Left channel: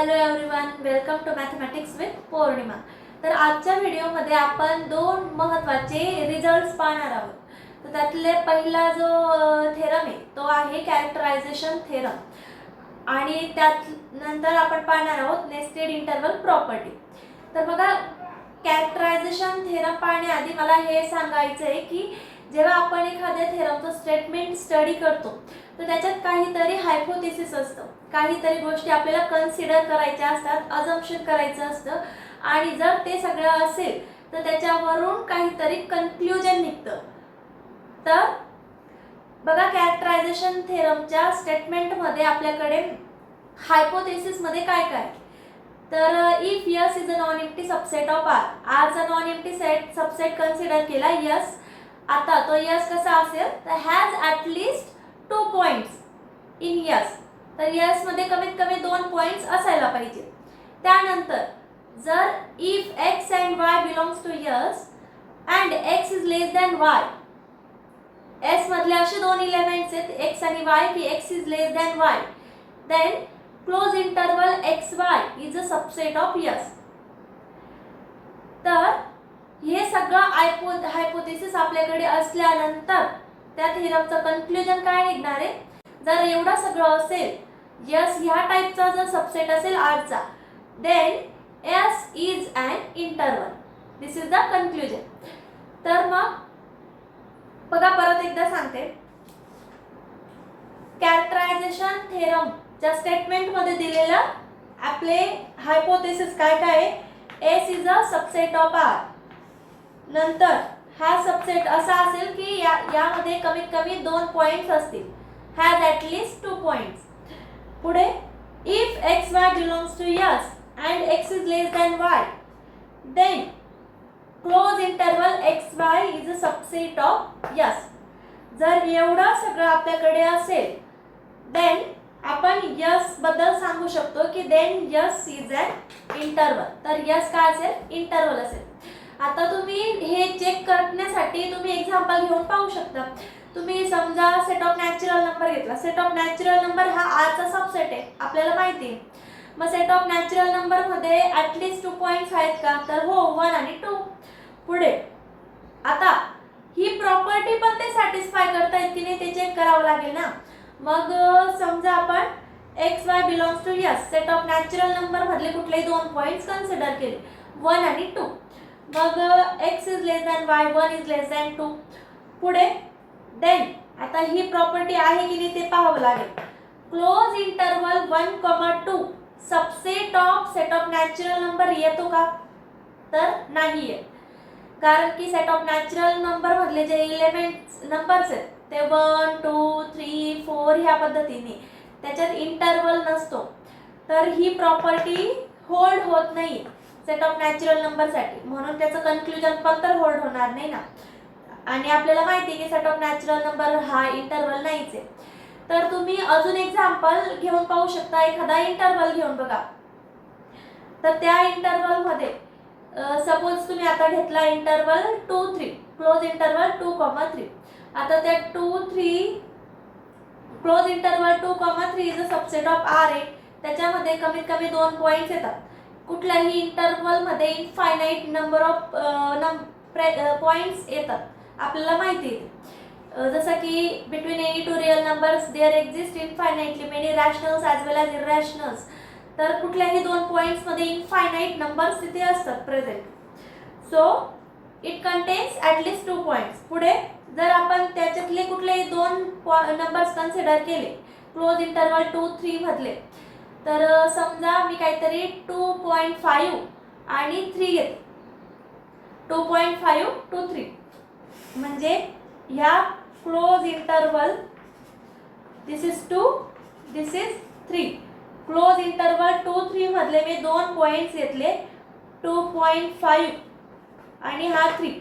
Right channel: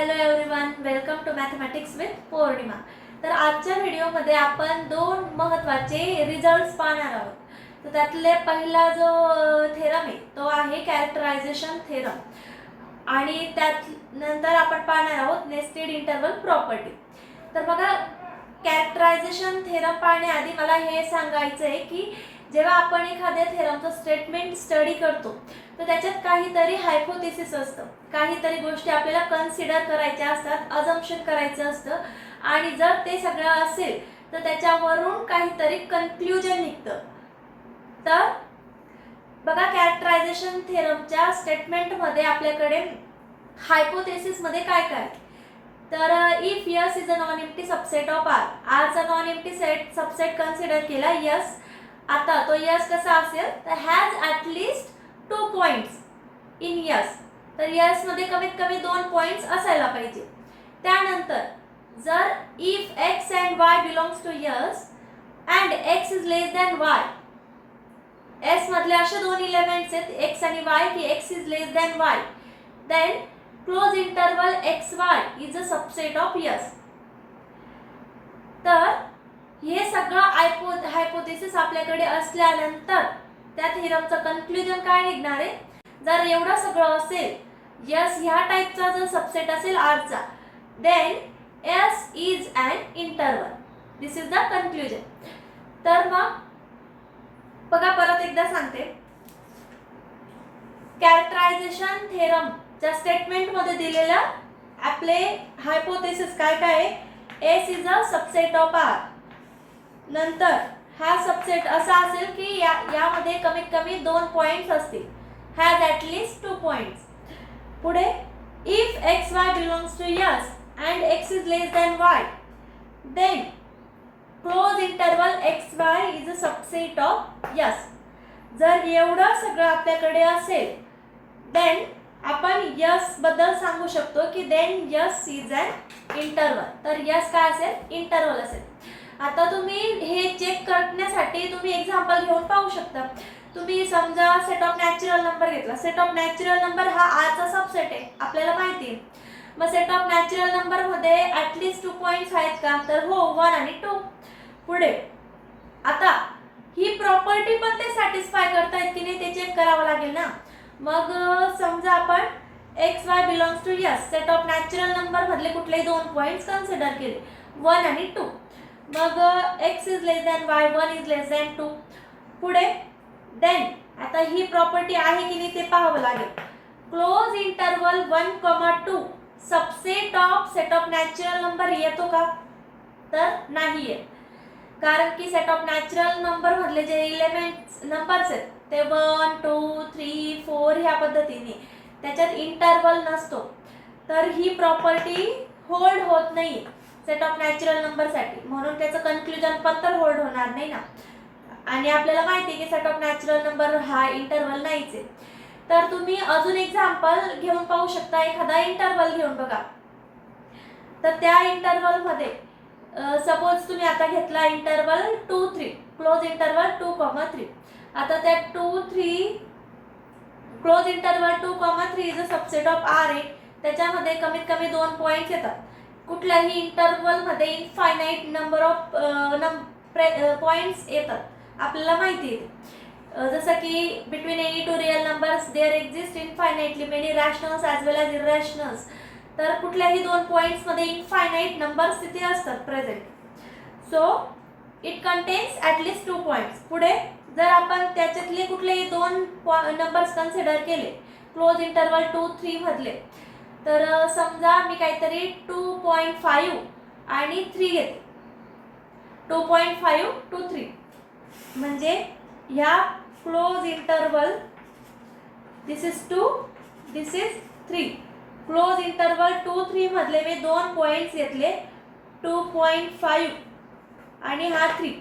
Hello everyone, welcome to mathematics with Purnima. तर आजच्या व्हिडिओमध्ये आपण दोन महत्त्वाचे रिझल्ट्स पाहणार आहोत। तर त्यातले पहिला जो थेरम आहे तो आहे कॅरेक्टरायझेशन थेरम आणि त्यानंतर आपण पाहणार आहोत नेस्टेड इंटरवल प्रॉपर्टी। तर बघा, कॅरेक्टरायझेशन थेरम पाहण्याआधी मला हे सांगायचं आहे की जेव्हा आपण एखाद्या थेरमचं स्टेटमेंट स्टडी करतो तर त्याच्यात काहीतरी हायपोथेसिस असतं, काहीतरी गोष्टी आपल्याला कन्सिडर करायच्या असतात, अजम्पशन करायचं असतं आणि जर ते सगळं असेल तर त्याच्यावरून काहीतरी कन्क्लुजन निघतं। तर बघा, कॅरेक्टरायझेशन थेरमच्या स्टेटमेंटमध्ये आपल्याकडे हायपोथेसिसमध्ये काय काय, तर if S is a non empty subset of R, आरचा नॉन एम्प्टी सबसेट कन्सिडर केला यस। आता तो यस कसा असेल तर has at least 2 points in S, तर यस मध्ये कमीत कमी 2 पॉइंट्स असायला पाहिजे। त्यानंतर जर if X and Y belongs to S and x is less than Y, S मधले असे दोन एलिमेंट्स आहेत एक्स आणि वाय की X is less than y, then close interval x y is a subset of S. तर हे सगळं hypothesis आपल्याकडे असल्यानंतर त्या थेरमचं कन्क्लुजन काय निघणार आहे, जर एवढं सगळं असेल यस ह्या टाइपचा जर सबसेट असेल आरचा, then S is an interval, this is the conclusion. तर मग बघा, परत एकदा सांगते, कॅरेक्टरायझेशन थेरमच्या स्टेटमेंटमध्ये दिलेलं आपले हायपोथेसिस काय काय आहे, S is a subset of R, नंतर हा सबसेट असा असेल की यामध्ये कमीत कमी 2 पॉइंट्स असतील, हॅज ॲटलिस्ट 2 पॉइंट्स। पुढे if x y belongs to S and x is less than y, then close interval x y is a subset of S. जर एवढं सगळं आपल्याकडे असेल देन आपण यस बद्दल सांगू शकतो की then S is an interval, तर यस काय असेल, इंटरवल असेल। आता तुम्ही हे चेक करण्यासाठी तुम्ही एक्झाम्पल घेऊन पाहू शकता। तुम्ही समजा सेट ऑफ नॅचरल नंबर घेतला, सेट ऑफ नॅचरल नंबर हा आरचा सबसेट आहे आपल्याला माहिती आहे, मग सेट ऑफ नॅचरल नंबर मध्ये ॲटलिस्ट 2 पॉइंट्स आहेत का, तर हो, 1 आणि 2। पुढे आता ही प्रॉपर्टी पण ते सॅटिस्फाय करतायत की नाही ते चेक करावं लागेल ना। मग समजा आपण x y belongs to S, set of natural number मधले कुठलेही 2 पॉइंट्स कन्सिडर केले 1 आणि 2, मग x is less than Y, 1 is less than 2। पुढे देन आता ही प्रॉपर्टी आहे की नाही ते पाहावं लागेल, close interval 1, 2 subset of set of natural number येतो का, तर नाही येत, कारण की सेट ऑफ नॅचरल नंबर मधले जे एलिमेंट्स नंबर्स आहेत ते 1, 2, 3, 4 ह्या पद्धतीने, त्याच्यात इंटरवल नसतो, तर ही प्रॉपर्टी होल्ड होत नाही सेट ऑफ नॅचरल नंबरसाठी, म्हणून त्याचं कन्क्लुजन पण तर होल्ड होणार नाही ना। आणि आपल्याला माहिती आहे की सेट ऑफ नॅचरल नंबर हा इंटरवल नाहीच आहे। तर तुम्ही अजून एक्झाम्पल घेऊन पाहू शकता, एखादा इंटरवल घेऊन बघा। तर त्या इंटरवल मध्ये सपोज तुम्ही आता घेतला इंटरवल 2, 3, क्लोज इंटरवल 2, 3, आता त्या 2, 3 close interval 2, 3 is a subset of R आहे, त्याच्यामध्ये कमीत कमी 2 पॉइंट्स येतात। कुठल्याही इंटरवल मध्ये इनफायनाइट नंबर ऑफ पॉइंट्स येतात आपल्याला माहिती आहे, जसं की between any two real numbers there exist infinitely many rationals as well as irrationals, तर कुठल्याही 2 पॉइंट्स मध्ये इनफायनाइट नंबर्स तिथे असतात present, so it contains at least 2 points. पुढे जर आपण त्याच्यातले कुठलेही 2 नंबर्स कन्सिडर केले क्लोज इंटरवल 2, 3 मधले, तर समजा मी काहीतरी 2.5 आणि 3 घेते, 2.5 to 3, म्हणजे ह्या close interval this is 2, this is 3, close interval 2, 3 मधले मी 2 पॉइंट्स घेतले 2.5 आणि हा 3।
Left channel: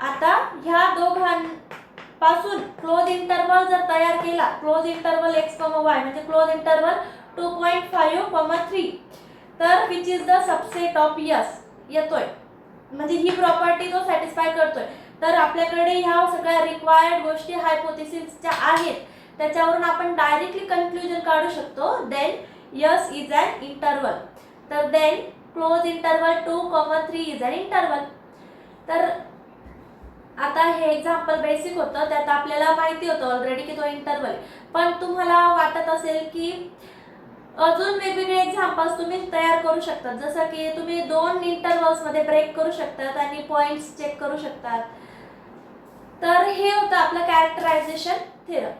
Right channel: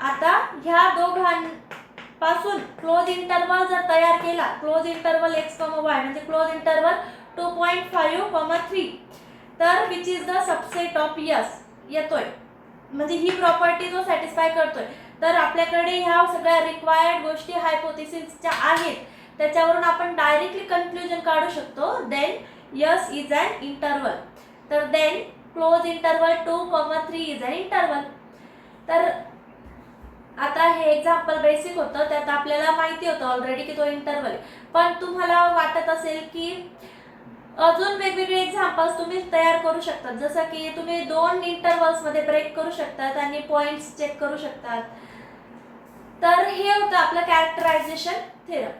आता ह्या दोघांपासून क्लोज इंटरवल जर तयार केला, क्लोज इंटरवल एक्स, वाय म्हणजे क्लोज इंटरवल 2.5, 3, तर which is the subset of yes येतोय, म्हणजे ही प्रॉपर्टी जो सॅटिस्फाय करतोय। तर आपल्याकडे ह्या सगळ्या रिक्वायर्ड गोष्टी हायपोथेसिसच्या आहेत, त्याच्यावरून आपण डायरेक्टली कन्क्लुजन काढू शकतो, then S is an interval. तर then close interval 2, 3 is an interval. तर आता हे एक्झाम्पल बेसिक होतं, त्यात आपल्याला माहिती होतं ऑलरेडी की तो इंटरवल आहे. पण तुम्हाला वाटत असेल की अजून वेगवेगळे एक्झाम्पल्स तुम्ही तयार करू शकतात, जसं की तुम्ही 2 इंटरवल्समध्ये ब्रेक करू शकतात आणि पॉईंट्स चेक करू शकतात. तर हे होतं आपलं कॅरेक्टरायझेशन थेरम.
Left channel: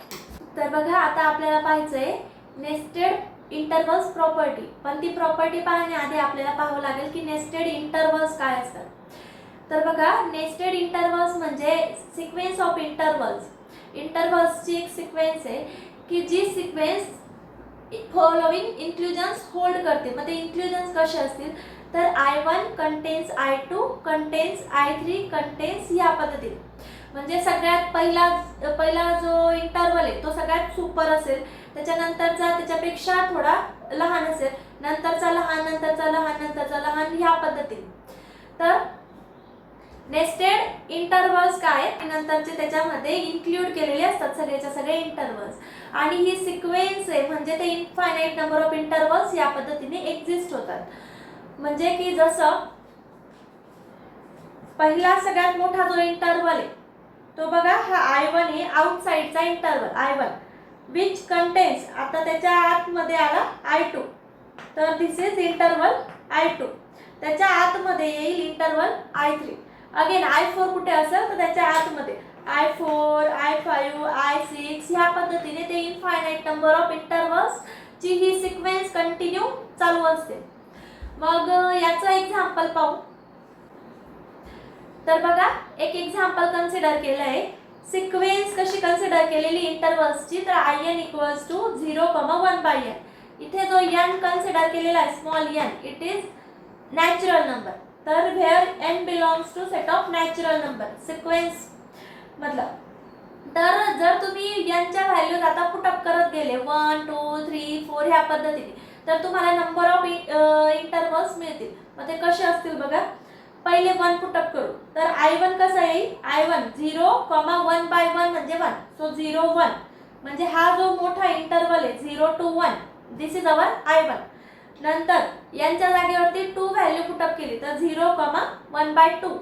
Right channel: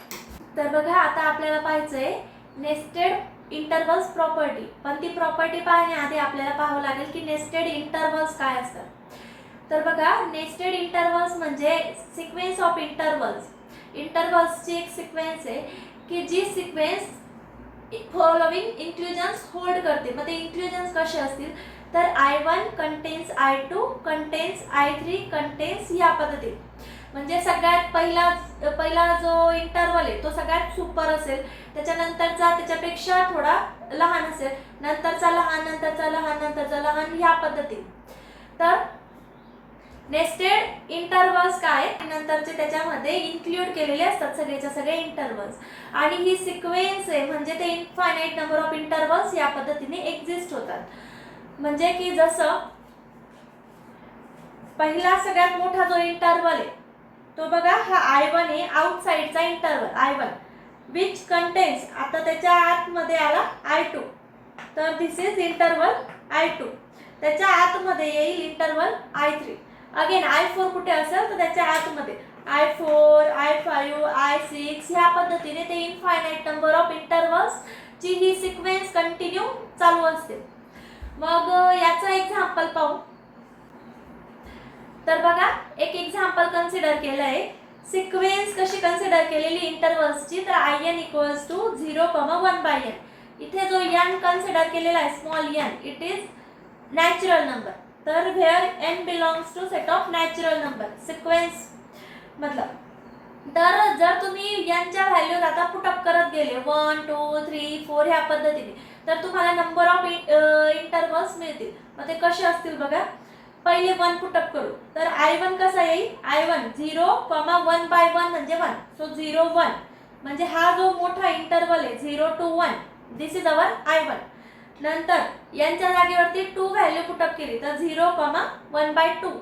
तर बघा आता आपल्याला पाहायचंय नेस्टेड इंटरवल्स प्रॉपर्टी. पण ती प्रॉपर्टी पाहण्याआधी आपल्याला पाहावं लागेल की नेस्टेड इंटरवल्स काय असतात. तर बघा नेस्टेड इंटरवल्स म्हणजे सिक्वेन्स ऑफ इंटरवल्स. इंटरवल्सची एक सिक्वेन्स आहे की जी सिक्वेन्स फॉलोइंग इन्क्लुजन्स होल्ड करते. मग ते इन्क्लुजन्स कसे असतील तर I1 contains I2 contains I3 contains ह्या पद्धतीने. म्हणजे सगळ्यात पहिला जो इंटरवल आहे तो सगळ्यात सुपर असेल, त्याच्यानंतरचा त्याच्यापेक्षा थोडा लहान असेल, नंतरचा लहान, नंतरचा लहान, नंतरचा लहान, ह्या पद्धतीने. तर नेस्टेड इंटरवल्स काय नंतरचे त्याच्यामध्ये इन्क्लूड केलेले असतात सगळेच्या सगळे इंटरवल्स. आणि ही सिक्वेन्स आहे म्हणजे ते इनफायनाईट नंबर ऑफ इंटरवल्स या पद्धतीने एक्झिस्ट होतात. म्हणजे की जसं पहिला सगळ्यात मोठा जो इंटरवल आहे तो बघा हा I1 आहे, आउटसाइडचा इंटरवल I1 विच कंटेन्स, आता त्याच्या आतमध्ये आला I2. तर दिस इज इंटरवल I2. त्याच्या आतमध्ये येईल इंटरवल I3. अगेन I4 कुठे असेल तर त्याच्या आतमध्ये I4, I5, I6 ह्या पद्धतीने ते इनफायनाईट नंबर ऑफ इंटरवल्स ची ही सिक्वेन्स कंटिन्यू चालू असते. मग याचं एक्झाम्पल पाहू. तर बघा एक एक्झाम्पल कन्सिडर केलं आहे. सिक्वेन्स कशी कन्सिडर केलेली इंटरवल्सची तर IN इक्वल्स टू 0,1/n. इथे जो n कन्सिडर केलेला आहे small n, it is natural number. तर where n belongs to set of natural number sequence मतलब. तर जर तुम्ही n च्या व्हॅल्यूज आता पुटअप करत गेले 1, 2, 3, 4 ह्या पद्धतीने तर तुम्हाला नंबर ऑफ इंटरवल्स मिळतील. मग ते कसे असतील बघा. पहिले 1 पुटअप करू. तर I1 कसा येईल I1 0,1/1 म्हणजे 1. सो 0, 1 म्हणजे हा जो मोठा इंटरवल आहे 0 to 1 this is our I1. नंतर यांच्या जागेवरती 2 व्हॅल्यू पुटअप केली तर 0,1/2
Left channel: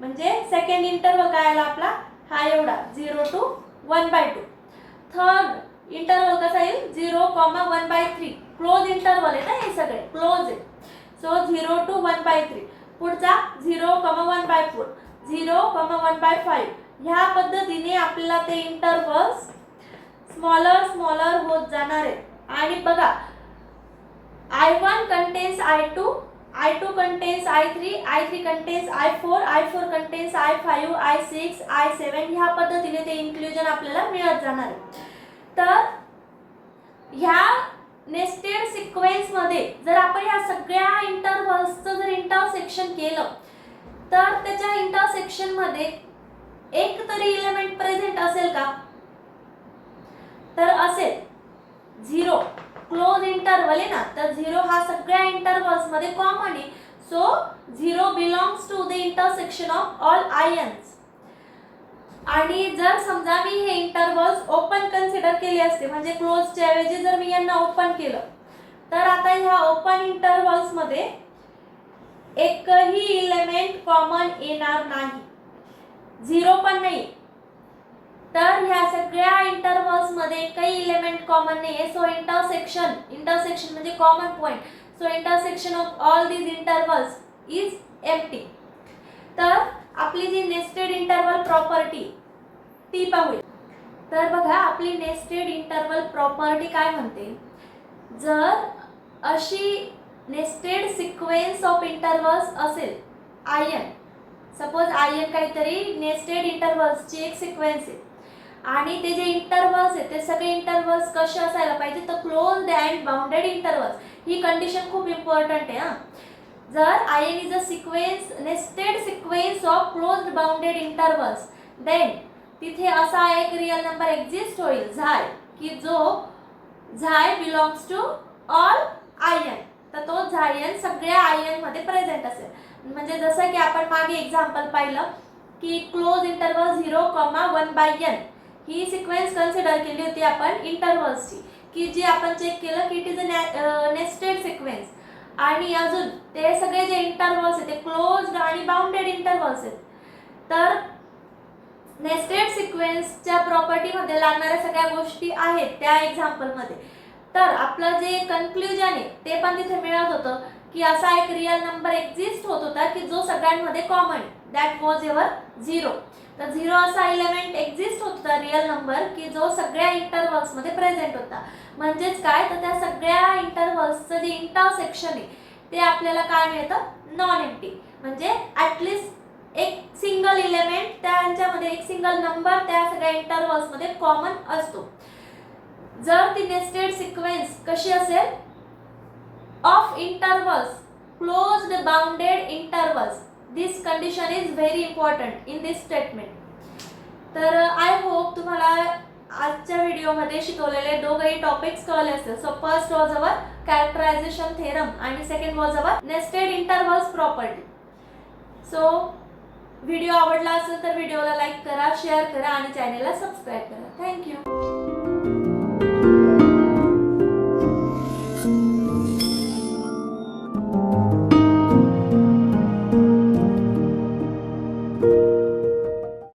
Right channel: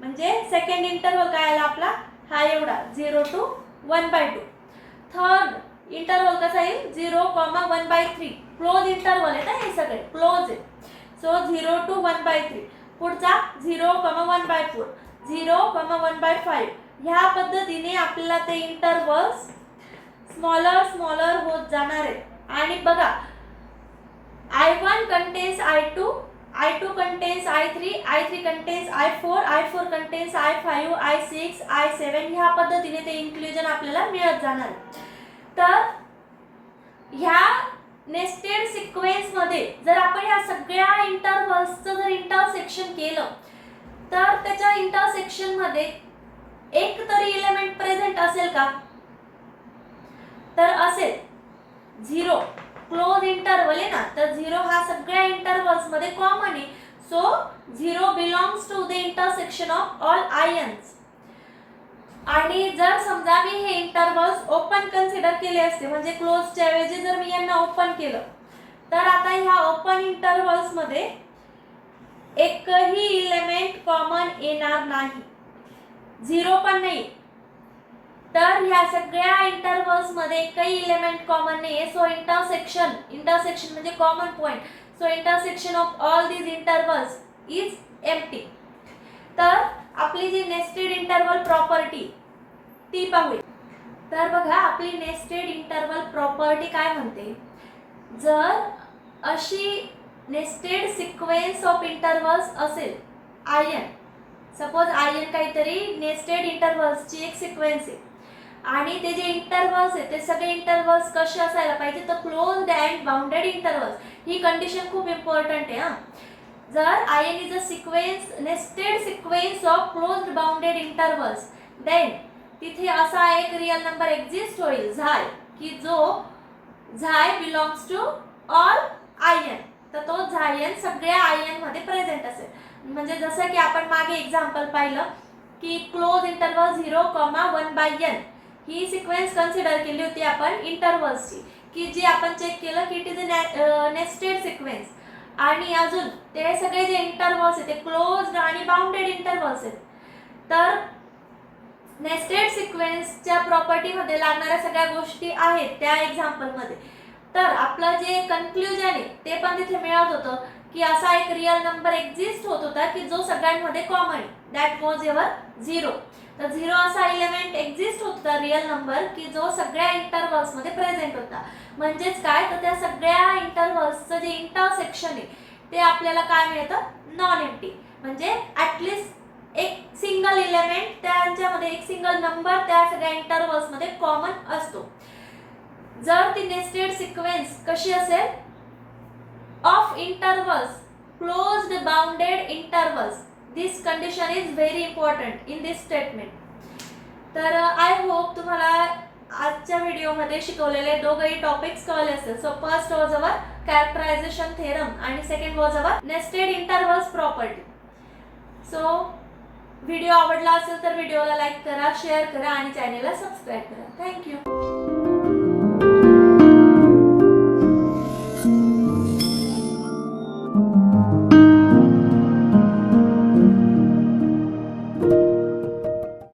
म्हणजे सेकंड इंटरवल काय आला आपला हा एवढा 0 to 1/2. थर्ड इंटरवल कसा येईल 0,1/3. क्लोज इंटरवल आहे ना हे सगळे क्लोज आहे. So 0 to 1/3. पुढचा 0,1/4 0,1/5 ह्या पद्धतीने आपल्याला ते इंटरवल्स स्मॉलर होत जाणार आहेत. आणि बघा I1 contains I2, I2 contains I3, I3 contains I4, I4 contains I5, I6, I7 ह्या पद्धतीने ते इन्क्लुजन आपल्याला मिळत जाणार आहे. तर ह्या नेस्टेड सिक्वेन्स मध्ये जर आपण ह्या सगळ्या इंटरवल्सचं जर इंटरसेक्शन केलं तर त्याच्या इंटरसेक्शन मध्ये एक तरी एलिमेंट प्रेझेंट असेल का तर असेल 0. क्लोज इंटरवल आहे ना तर 0 हा सगळ्या इंटरवल्स मध्ये कॉमन आहे. So 0 belongs to the intersection of all I n's. आणि जर समजा मी हे इंटरवल्स ओपन कन्सिडर केले असते म्हणजे क्लोजच्या ऐवजी जर मी यांना ओपन केलं तर आता ह्या ओपन इंटरवल्स मध्ये एकही इलेमेंट कॉमन येणार नाही, 0 पण नाही. तर ह्या सगळ्या इंटरवल्स मध्ये एकही इलेमेंट कॉमन नाही आहे. सो इंटरसेक्शन म्हणजे common point. So intersection of all these intervals is empty. तर आपली जी नेस्टेड इंटरवल प्रॉपर्टी ती पाहूया. तर बघा आपली नेस्टेड इंटरवल प्रॉपर्टी काय म्हणते. जर अशी नेस्टेड सिक्वेन्स ऑफ इंटरवल्स असेल IN, सपोज IN काहीतरी नेस्टेड इंटरवल्सची एक सिक्वेन्स आहे आणि ते जे इंटरवल्स आहेत ते सगळे इंटरवल्स कसे असायला पाहिजे तर क्लोज्ड अँड बाउंडेड इंटरवल्स. ही कंडिशन खूप इम्पॉर्टंट आहे. जर IN is a sequence nested sequence of closed bounded intervals then तिथे असा एक रियल नंबर एक्झिस्ट होईल झाय की जो झाय बिलॉंग्स टू ऑल IN. तर तो झायन सगळ्या IN मध्ये प्रेझेंट असेल. म्हणजे जसं की आपण मागे एक्झाम्पल पाहिलं की क्लोज इंटरवल 0,1/n ही सिक्वेन्स कन्सिडर केली होती आपण इंटरवल्सची की जे आपण चेक केलं की it is a nested sequence, आणि अजून ते सगळे जे इंटरव्हल्स आहेत ते क्लोज्ड आणि बाउंडेड इंटरव्हल्स आहेत. तर नेस्टेड सिक्वेन्सच्या प्रॉपर्टीमध्ये लागणाऱ्या सगळ्या गोष्टी आहेत त्या एक्झाम्पलमध्ये. तर आपलं जे कन्क्लुजन आहे ते पण तिथे मिळत होतं की असा एक रिअल नंबर एक्झिस्ट होत होता की जो सगळ्यांमध्ये कॉमन आहे, दॅट वॉज युअर 0. तर 0 असा एलिमेंट एक्झिस्ट होत होता रिअल नंबर की जो सगळ्या इंटरव्हल्समध्ये प्रेझेंट होता. म्हणजेच काय, तर त्या सगळ्या इंटरव्हल्सचं जे इंटरसेक्शन आहे ते आपल्याला काय मिळतं, नॉन एम्प्टी. म्हणजे ॲटलिस्ट एक सिंगल एलिमेंट त्यांच्यामध्ये, एक सिंगल नंबर त्या सगळ्या इंटरव्हल्समध्ये कॉमन असतो. जर ती नेस्टेड सिक्वेन्स कशी असेल, of intervals, closed bounded intervals. This condition is very important in this statement. तर आय होप तुम्हाला आजच्या व्हिडिओमध्ये शिकवलेले दोघंही टॉपिक्स कळले असेल. So first was our characterization theorem आणि second was our nested intervals property. So video आवडला असेल तर व्हिडिओला लाईक करा, शेअर करा आणि चॅनेलला सबस्क्राईब करा. थँक्यू.